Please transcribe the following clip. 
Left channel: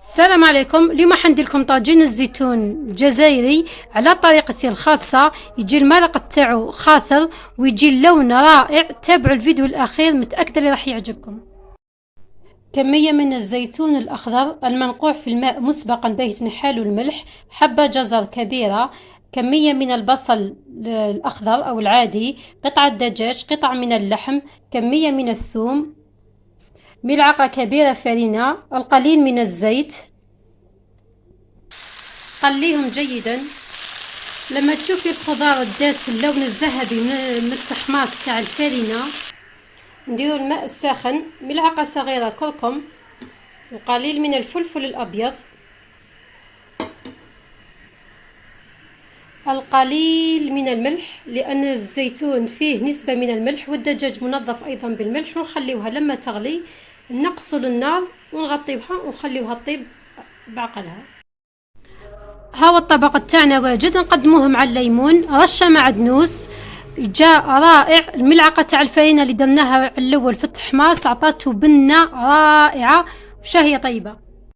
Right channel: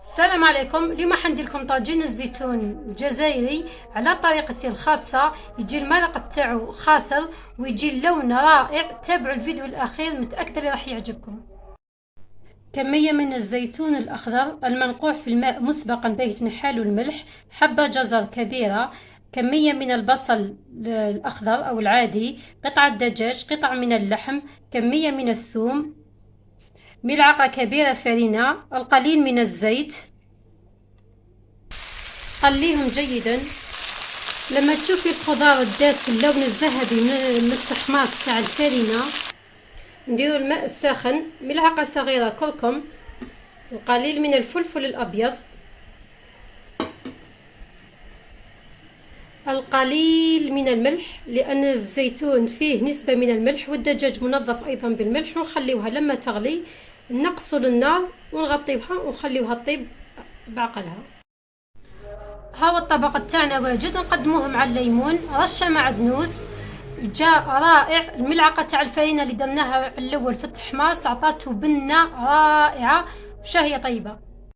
السلام عليكم. اليوم حندير لكم طاجين الزيتون الجزائري على طريقتي الخاصة. يجي المرق تاعو خاطر ويجي اللون رائع. تابعوا الفيديو الاخير، متأكدة اللي راح يعجبكم. كمية من الزيتون الاخضر المنقوع في الماء مسبقا بيتنحال الملح، حبة جزر كبيرة، كمية من البصل الاخضر او العادي، قطعة دجاج، قطع من اللحم، كمية من الثوم، ملعقة كبيرة فرينة، القليل من الزيت. قليهم جيدا. لما تشوفي الخضار ذات اللون الذهبي من التحماص تاع الفرينة، نديروا الماء الساخن، ملعقة صغيرة كركم، القليل من الفلفل الأبيض، القليل من الملح لأن الزيتون فيه نسبة من الملح، والدجاج منظف أيضا بالملح. ونخليوها لما تغلي نقصوا النار ونغطيوها ونخليوها تطيب بعقلها. هاو الطبق تاعنا واجد، نقدموه مع الليمون، رشه معدنوس، جاء رائع. الملعقه تاع الفرينه اللي درناها على الاول في التحماص عطاته بنه رائعه وشهيه طيبه.